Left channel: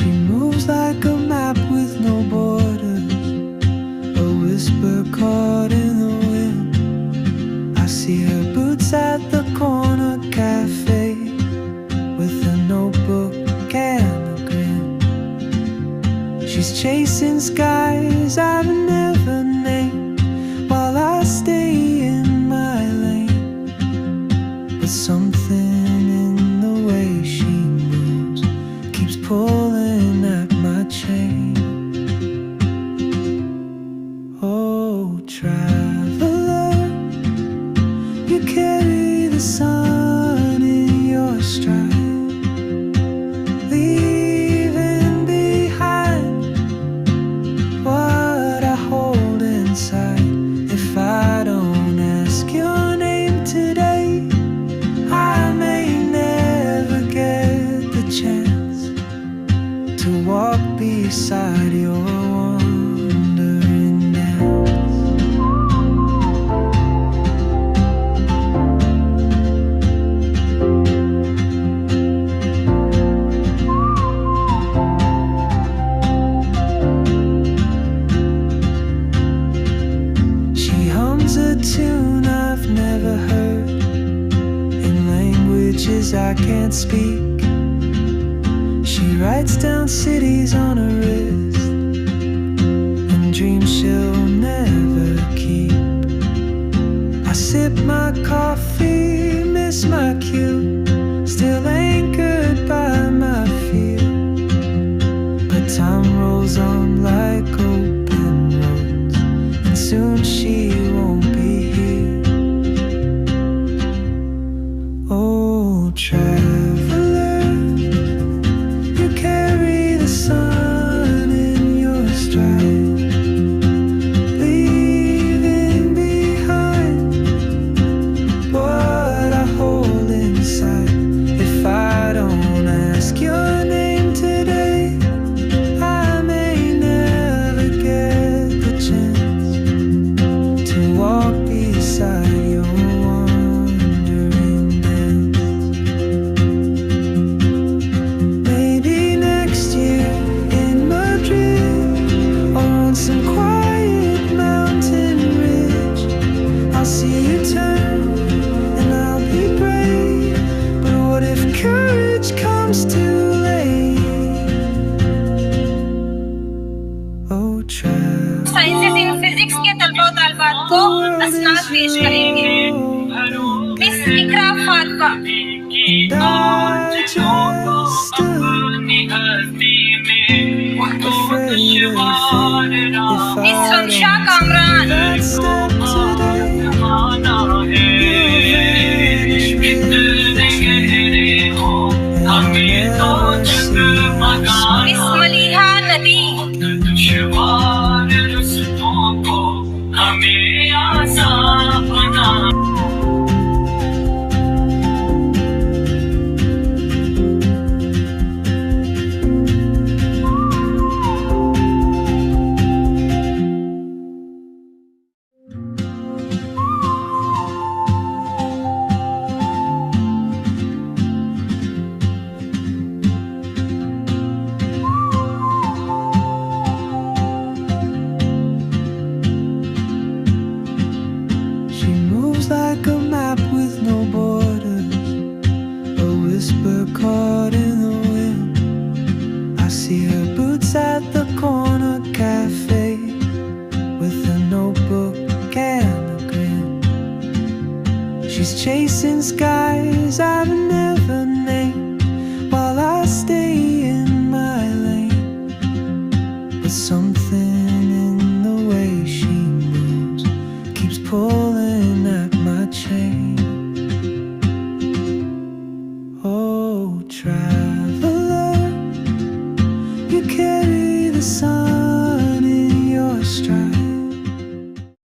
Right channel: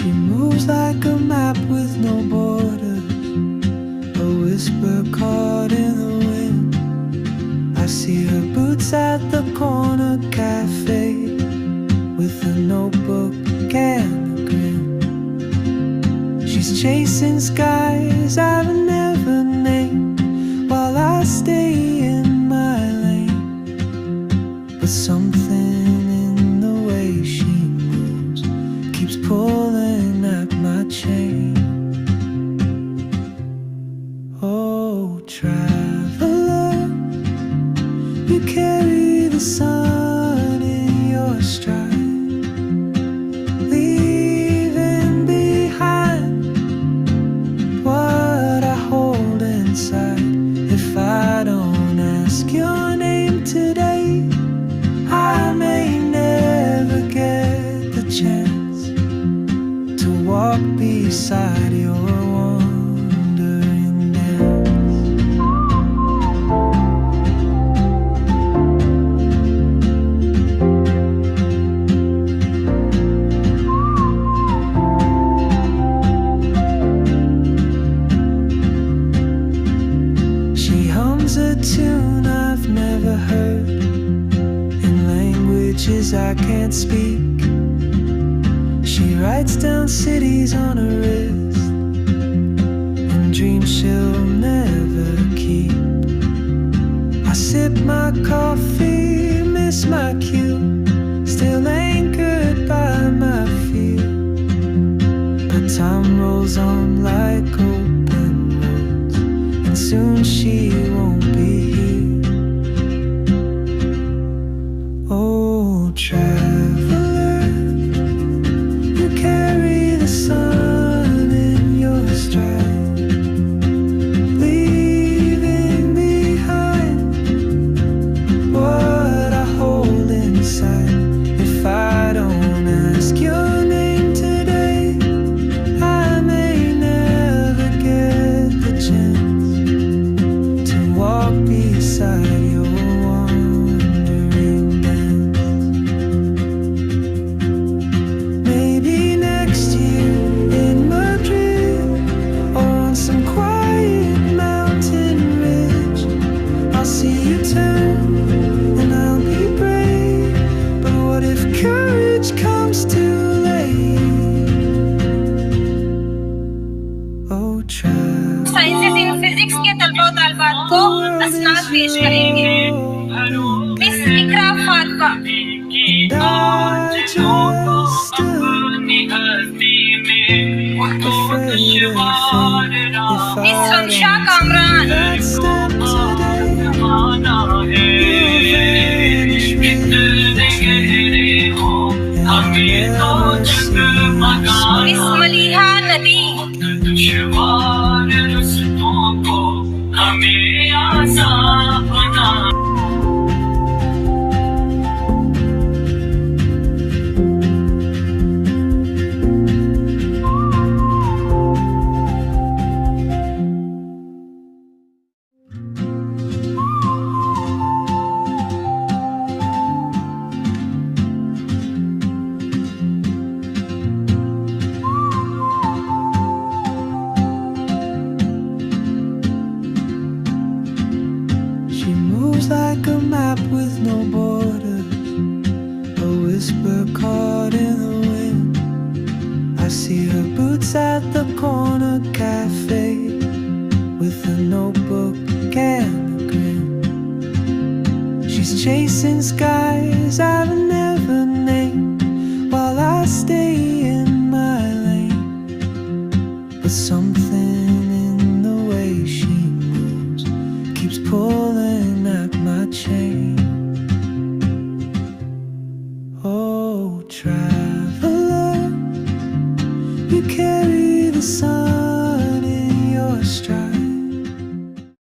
She moves like a map with no borders, a whisper caught in the wind. I see her boots at the corner cafe, with a notebook and a grin. She's chasing skies I've never named, while I stay in my lane. But something in the way she moves keeps pulling at my chain. Oh, traveler, you carry the sun in your stride, leaving behind what I hold inside. If I don't ask your name today, I may never get the chance to walk beside your wandering dance. She hums a tune I've never heard, in languages I can't speak. She writes down cities on her wrist, and dreams she'll never keep. I sip my coffee, miss my cue, still anchored by my fear. But time rolls on like open roads, and soon she won't be here. Oh, traveler, you carry the sun in your stride, leaving behind what I hold inside. If I don't ask your name today, I may never get the chance to walk beside your wandering dance. Maybe next year in Madrid, or on some quiet mountain ridge, I'll see you turn and I'll be brave. But what if courage comes too late? Oh, travel, sciences in physics के तलबा व तालिबात को असनाद पेश करेंगे। Miss Iqra Fatima. and I just stood afraid of fate. If I don't take that step today, you'll vanish with the train, and I'll never see your miss smile. Maleeha नदी। She moves like a map with no borders, a whisper caught in the wind. I see her boots at the corner cafe, with a notebook and a grin. She's chasing skies I've never named, while I stay in my lane. But something in the way she moves keeps pulling